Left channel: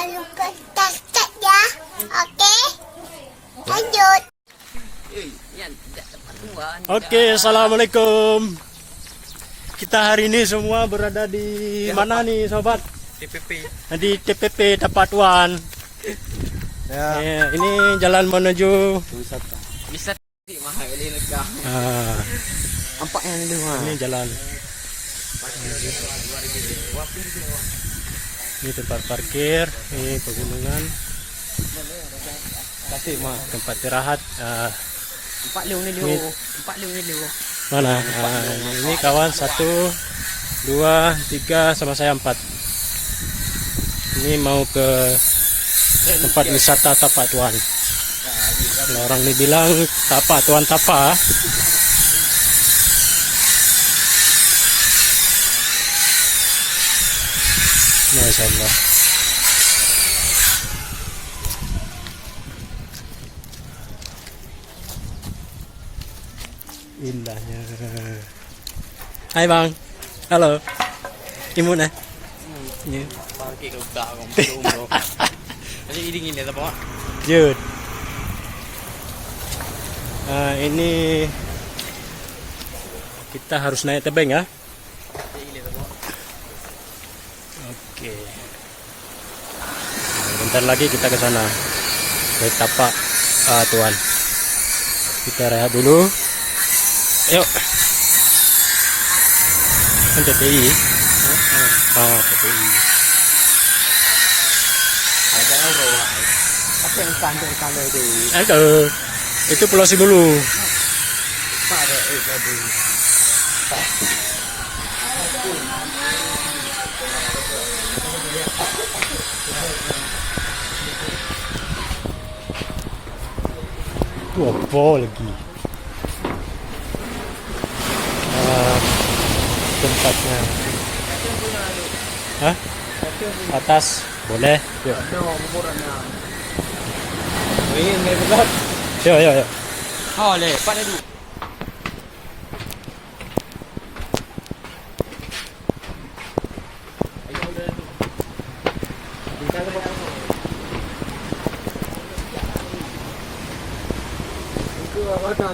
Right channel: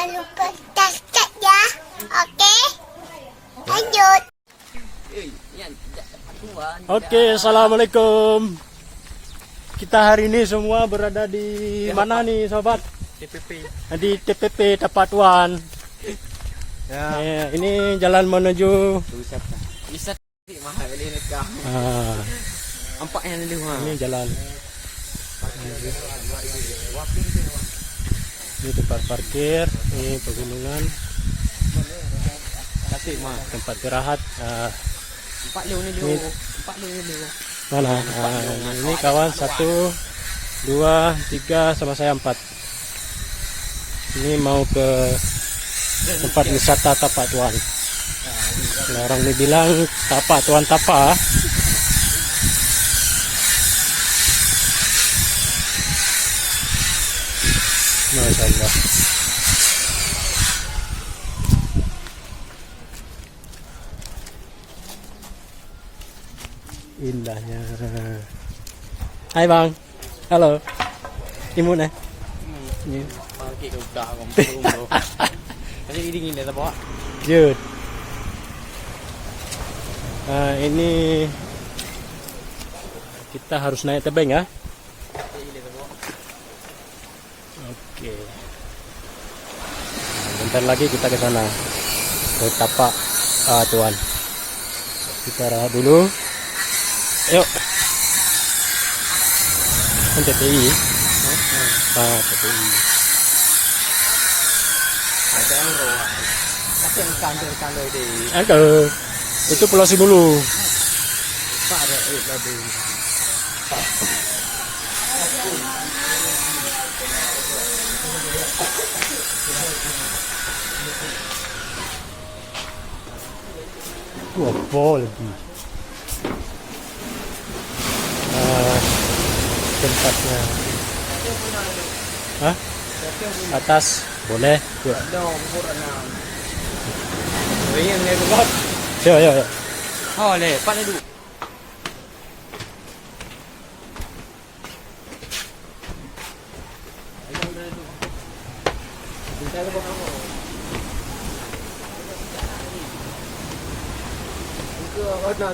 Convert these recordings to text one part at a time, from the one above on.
Jangan lupa subscribe ya. Oke? Lanjut. Oke, assalamualaikum. Kita hari ini semua berada di mana nih, sobat? TPP. Di TPP Tapatuan. Ini jalan menuju Wisata mahal ini lega. Nampaknya ini jalan. Ini tempat parkir, ini pegunungan, tempat istirahat. Ini mana? Ini kawan 1, 2, 3 sama saya 4. Ini mau ke tempat wisata Tapatuan. Kalau orang ini bilang Tapatuan Tapa. Masya Allah. Indahnya. Hai bang, halo. Imun eh? Iya. Pakai udah Kasih dingin ya Pak. Jud. Ini kita harus naik tebing ya. Oke. Bentar lagi kita ke sana. Ke Tapak Tuan. Kita rehat dulu. Yuk. Kan TPI. TPI. Ada orang. Apa yang santai-santai di. Itu Pulau Simulu. Ada tadi. Itu apa lagi? Tempatnya. Hah? Atas boleh. Yuk. Yuk. Oh, le, pada dulu.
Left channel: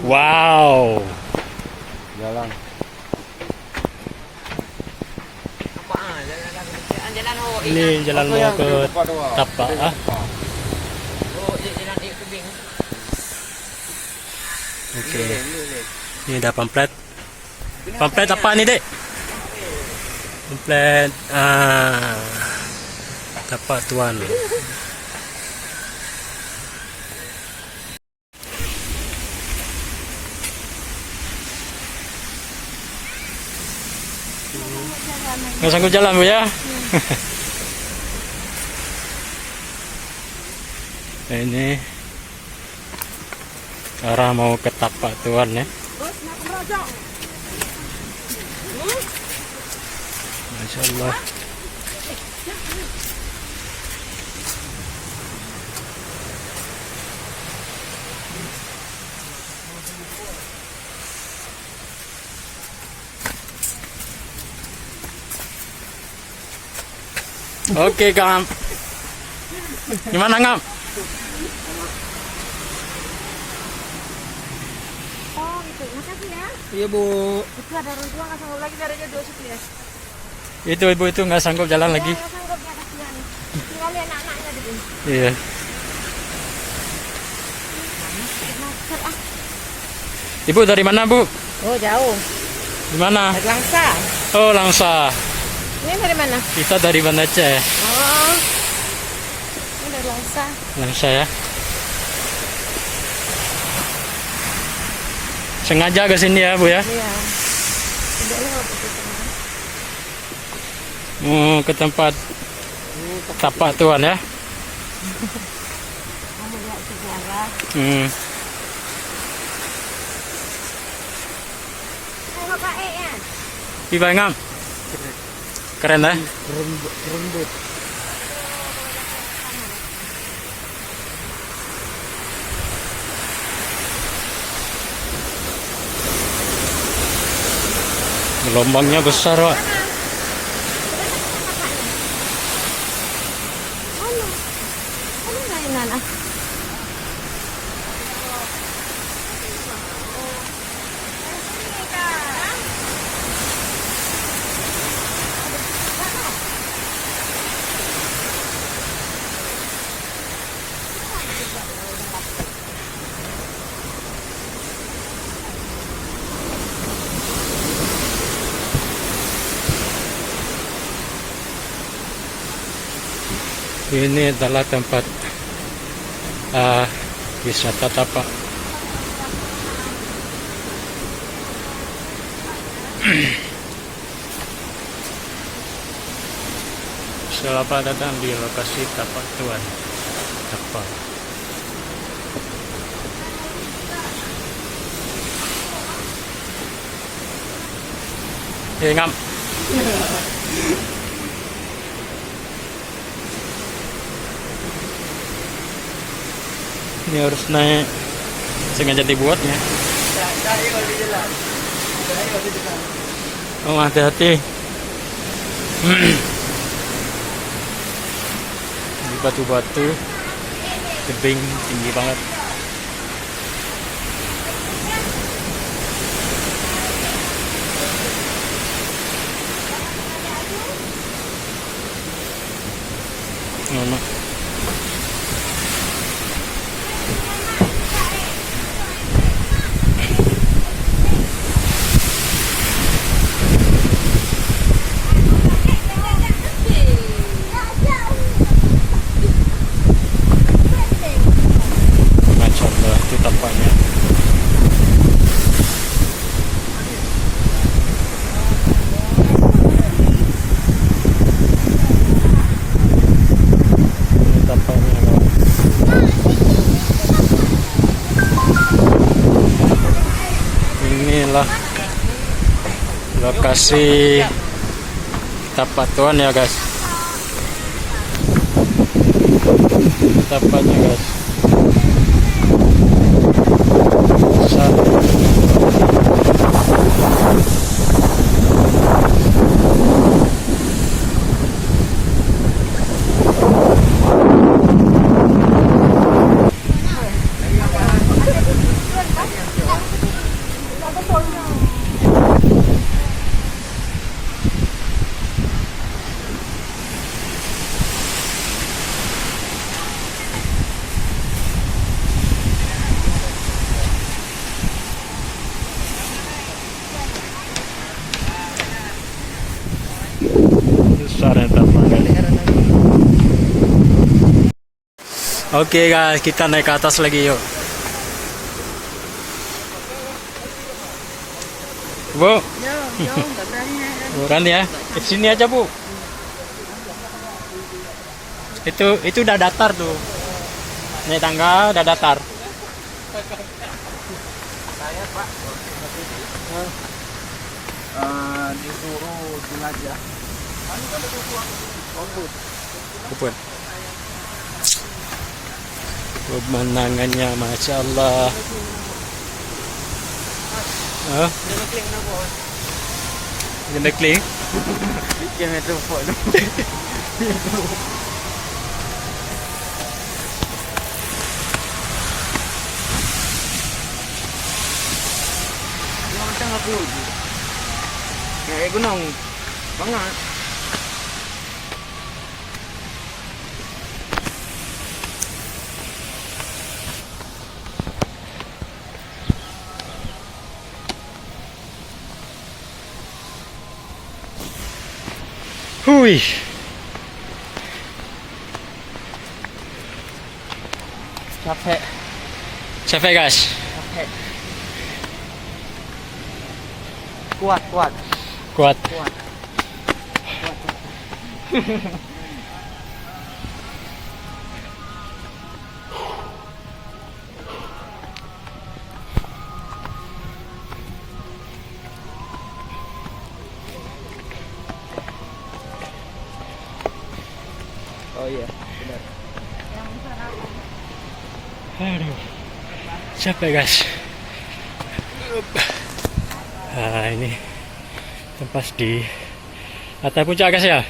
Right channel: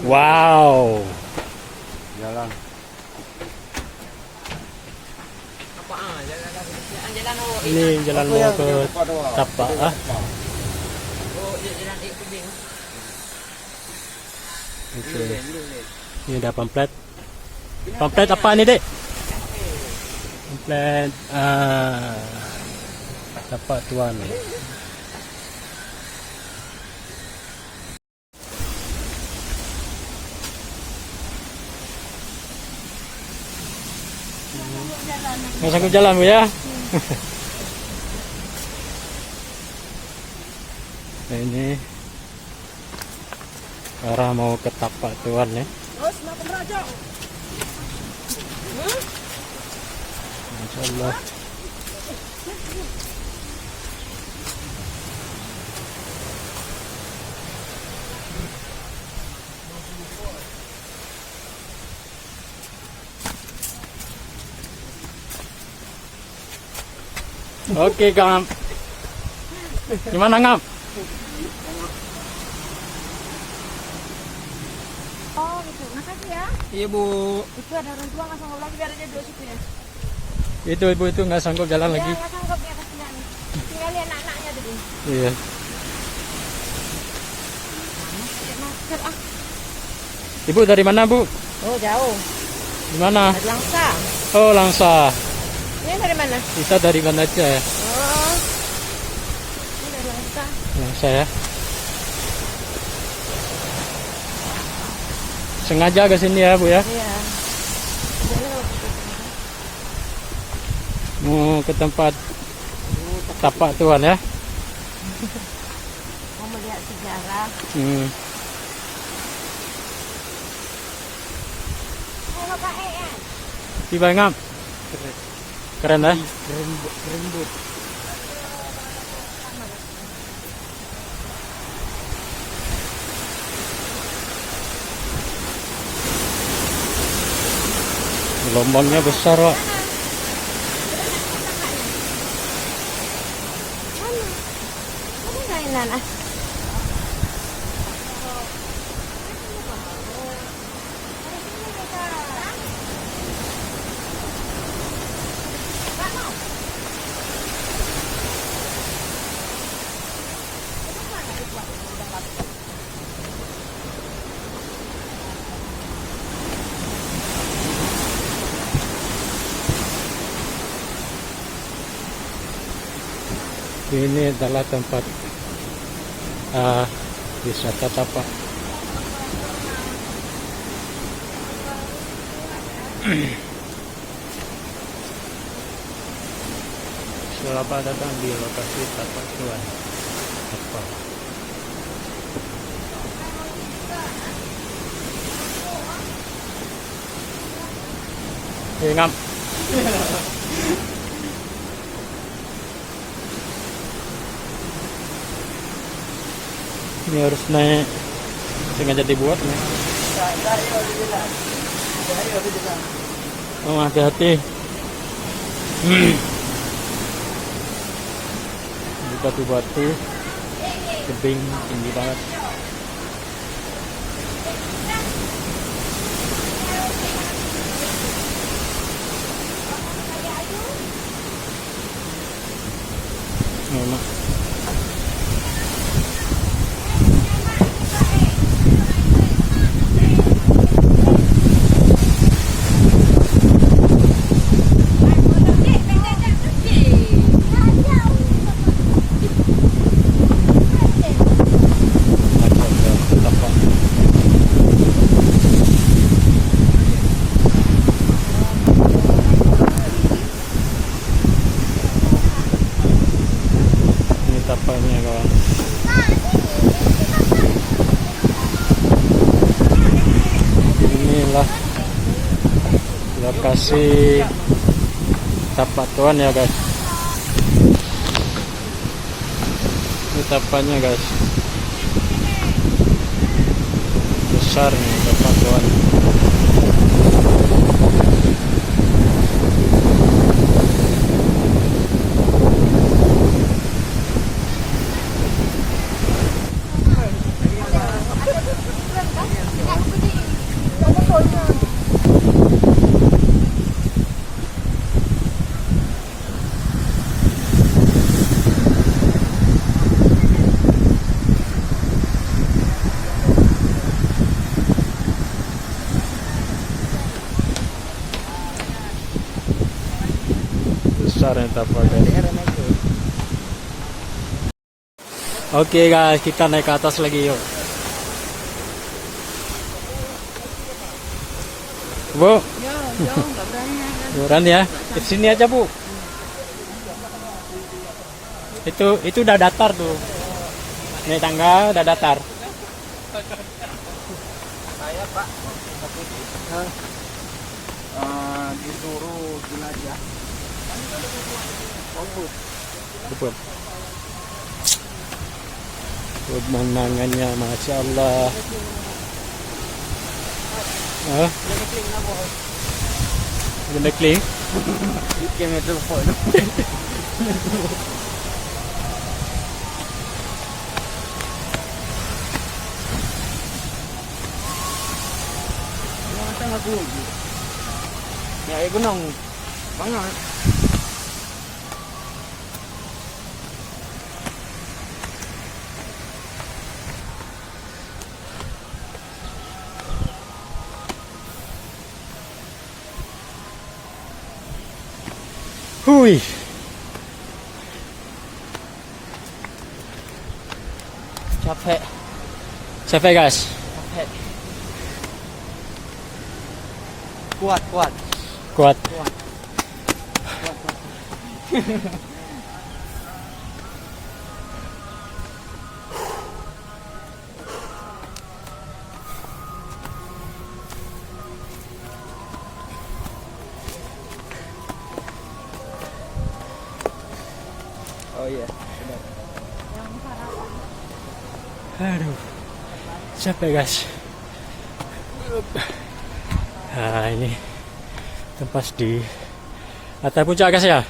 Wow. Jalan. Ini jalan mau ke Tapak. Oke. Ini ada pamflet. Pamflet apa nih, Dek? Pamflet Tapatuan. Nggak sanggup jalan Bu ya? Nah, ini arah mau ke Tapatuan ya. Masya Allah. Oke, Ngam. Gimana, Ngam? Oh gitu, makasih ya. Iya Bu. Itu ada orang tua nggak sanggup lagi jaraknya 2 situ ya. Itu ibu itu nggak sanggup jalan lagi. Nggak sanggup ya kasihan. Tinggal lihat anak-anaknya di sini. Iya. Masker ah. Ibu dari mana Bu? Oh jauh. Di mana? Dari Langsa. Oh Langsa. Ini dari mana? Kita dari Banda Aceh. Oh. Ini dari Langsa. Langsa ya. Sengaja ke sini ya Bu ya? Iya. Mau ke tempat Tapatuan ya? Mau melihat sejarah. Tengok Pak E ya. Gimana Ngam? Keren ya? Rembut. Gelombangnya besar, Pak. kanan ah. Ini adalah tempat wisata tapak. Selamat datang di lokasi tapak Tuan Tapak. Ngam. Ini harus naik, sengaja dibuatnya. Oh, hati-hati. Di batu-batu, tebing tinggi banget. Mama. Tapaknya. Ini tapaknya kawan. Inilah lokasi tapak Tuan ya guys. Tapaknya guys. Besar tapak Tuan. Besar yang tapak guys. Oke guys, kita naik ke atas lagi yuk. Bu, berani ya? Ke sini aja bu. Itu udah datar tuh. Naik tangga udah datar. Saya Pak, disuruh jelajah. Bupun. Pemandangannya Masya Allah. Ganda kling. Yang itu phone. Yang macam aku. Ya, gunung. Banget. Hui. Capek. Capek guys. Capek. Kuat. Kuat. Oh iya, benar. Aduh, capek guys. Nah ini tempat di atas puncak guys ya.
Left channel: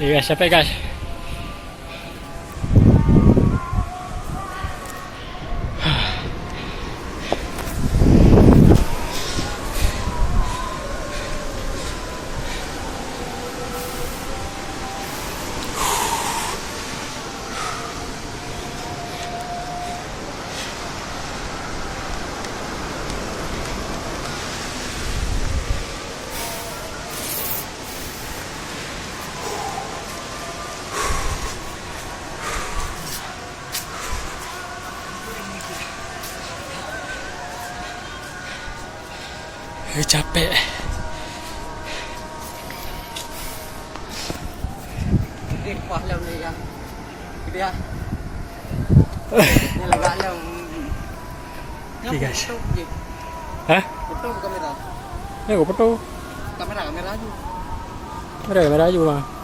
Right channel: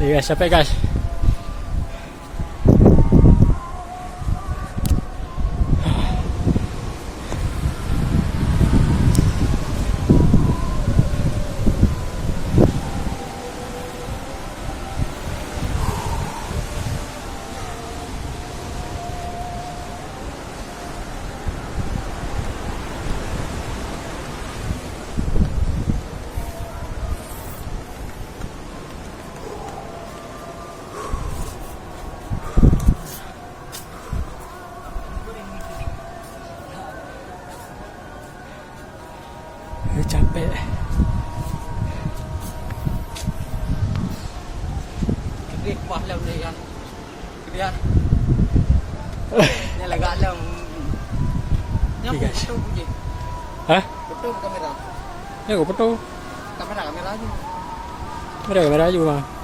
Iya guys, capek guys. Capek. Gede pahlam ni ya. Gede ya. Ni lega alam. Okay, guys. Foto je. Hah? Foto kamera. Ya, gue foto. Kamera aja. Ada kamera juga, Bang.